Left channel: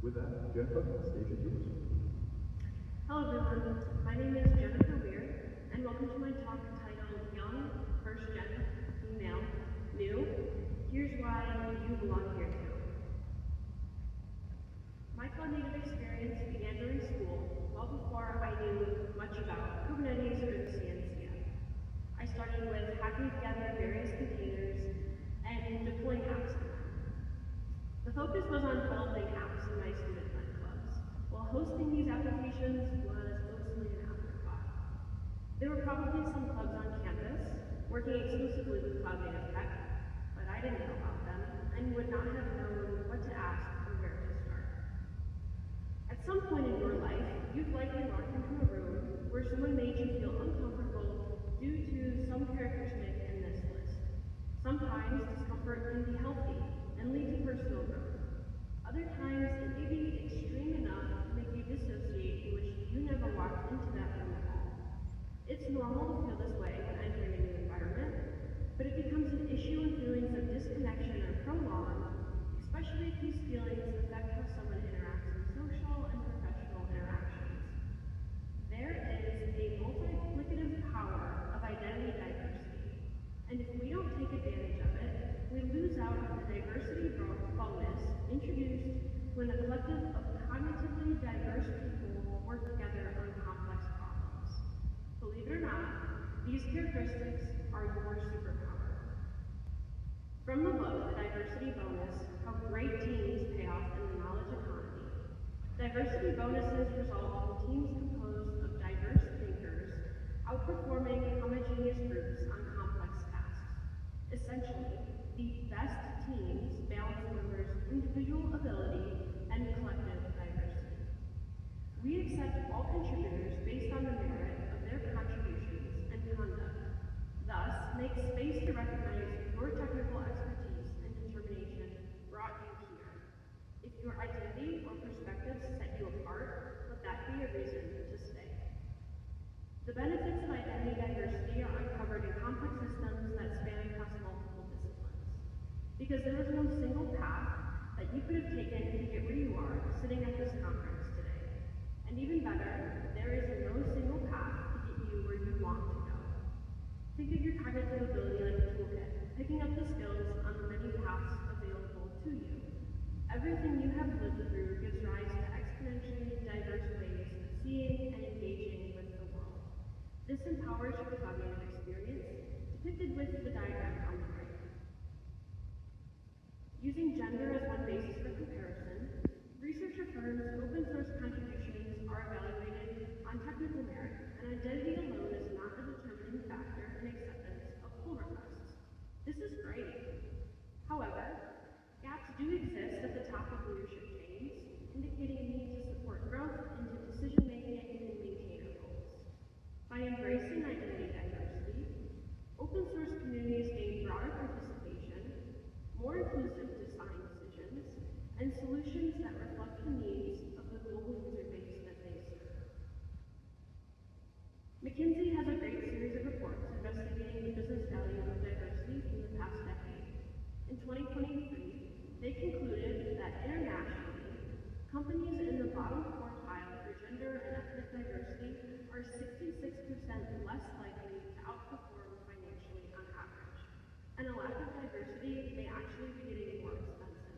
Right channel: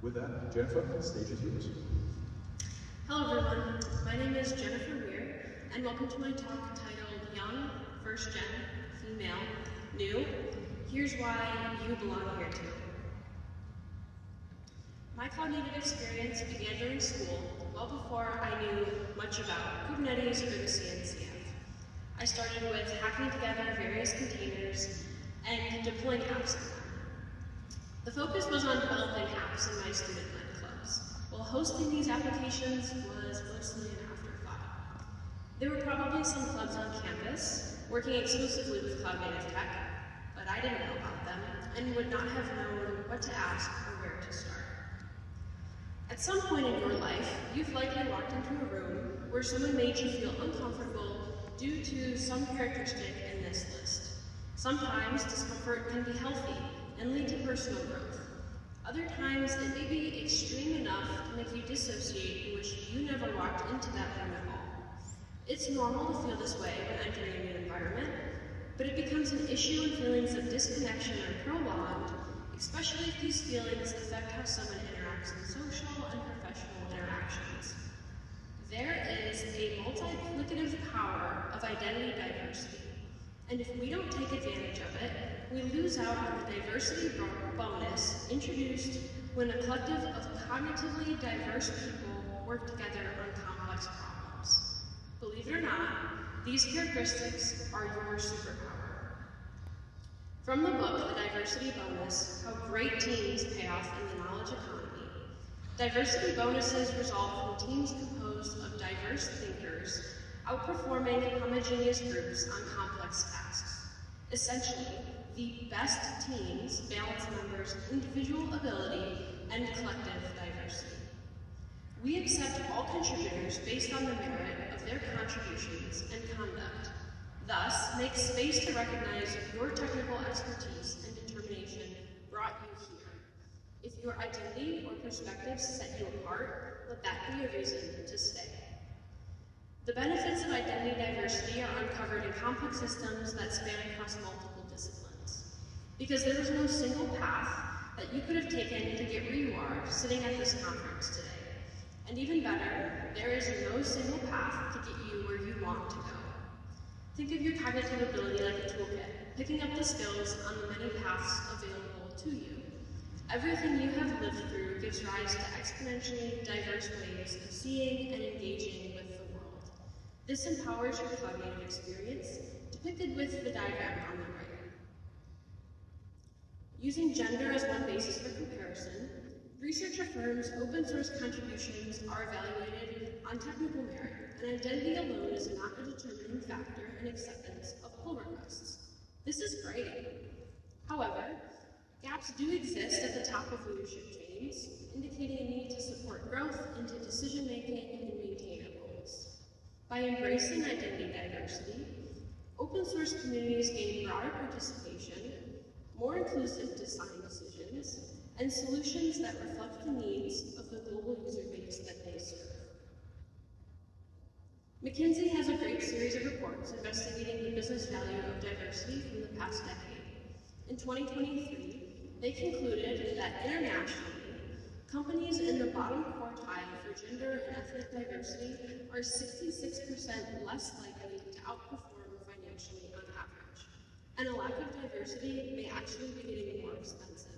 With that, Jennifer, the stage is yours. Hello everyone, my name is Jennifer Weir, and welcome to my talk titled Young, First Gen, Female, New. Here's why you belong here too. My cognitive experience began during school, well before I knew much about Kubernetes or the CNCF. I started with hacking together various containers and deploying apps in them. The focus was on developing apps in my student-led clubs, while hosting these applications was mostly an afterthought. There were probably some clubs on campus working exclusively with cloud-native tech, but I didn't know about them and would not have known what to ask or where to start. At some point in your life, you've likely walked into a room where someone made you feel uncomfortable due to some characteristic in this list. Sometimes discomfort can be healthy and lead to personal growth. Other times it may be extreme enough to make you dissociate and wish you never walked into that room at all. It's normal to feel this way when entering a new environment, but it becomes an issue when feelings of disconnection are prolonged, especially if these feelings affect how someone interacts in social and professional interactions. There is a multiplicative power of identity diversity, and if we don't take advantage of it, we lose out on the diversity bonus introduced when a collective of cognitively diverse people work together on complex problems. Believe it or not, these characteristics are your superpower. From the book, The Diversity Bonus, How Great Teams Pay Off in the Knowledge Economy, diversity bonuses result from teams composed of diverse thinkers outperforming homogeneous groups on complex tasks. Essentially, the best teams balance members' individual ability and collective diversity. We accept all contributors based on the merit of their contributions and conduct, thus make space to recognize your technical expertise and determination brought you here. If your identity or perspectives set you apart, let that be a reason to stay. The benefits of identity diversity are uncovered in complex systems that span across multiple disciplines. Because there is no single path that you could have taken to get where you are sitting at this conference today. And even better, there is no single path to get you where you want to go. Think of your cognitive ability like a toolkit, picking up the skills on the many paths available to you. Everything you have lived through gives rise to exponentially diverse ways of seeing and engaging with the world. This empowers your cognitive experience, depicted with the diagram on the right. Using gender as one basis for comparison, research affirms open source contributions are evaluated on technical merit, and identity alone is not a determining factor in acceptance of pull requests. This is great. However, gaps do exist at the top of leadership chains, indicating a need to support growth into decision-making and maintainer goals. By embracing identity diversity, open source communities gain broader participation, more inclusive design decisions, and solutions that reflect the needs of the global user base that they serve. McKinsey has a great series of reports investigating the business value of diversity from the past decade. In 2023, they concluded that internationally, companies in the bottom quartile for gender and ethnic diversity are 66% less likely to outperform financially on average, and a lack of diversity may actually be getting more expensive.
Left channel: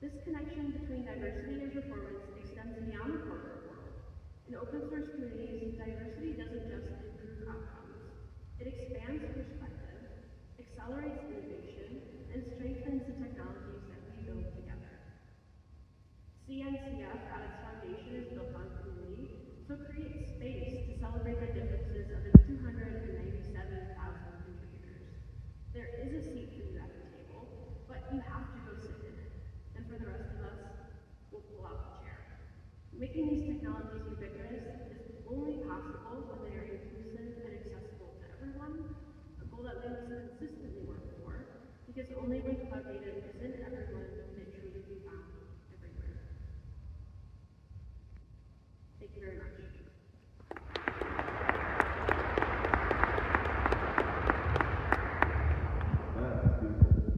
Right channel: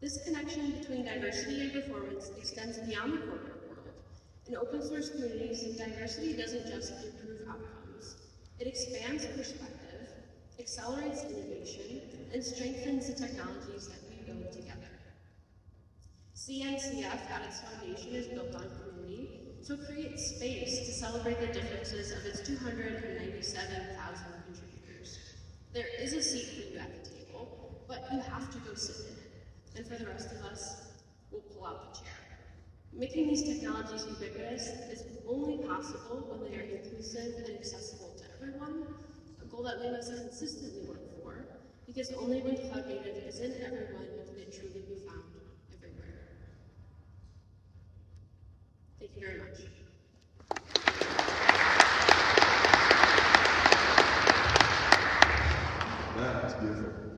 This connection between diversity and performance extends beyond the corporate world. In open source communities, diversity doesn't just improve outcomes. It expands perspective, accelerates innovation, and strengthens the technologies that we build together. CNCF at its foundation is built on community, so create space to celebrate the differences of its 297,000 contributors. There is a seat for you at the table, but you have to go sit in it. And for the rest of us, we'll pull out the chair. Making these technologies ubiquitous is only possible when they are inclusive and accessible to everyone, a goal that we must consistently work for, because only when cloud native is in everyone's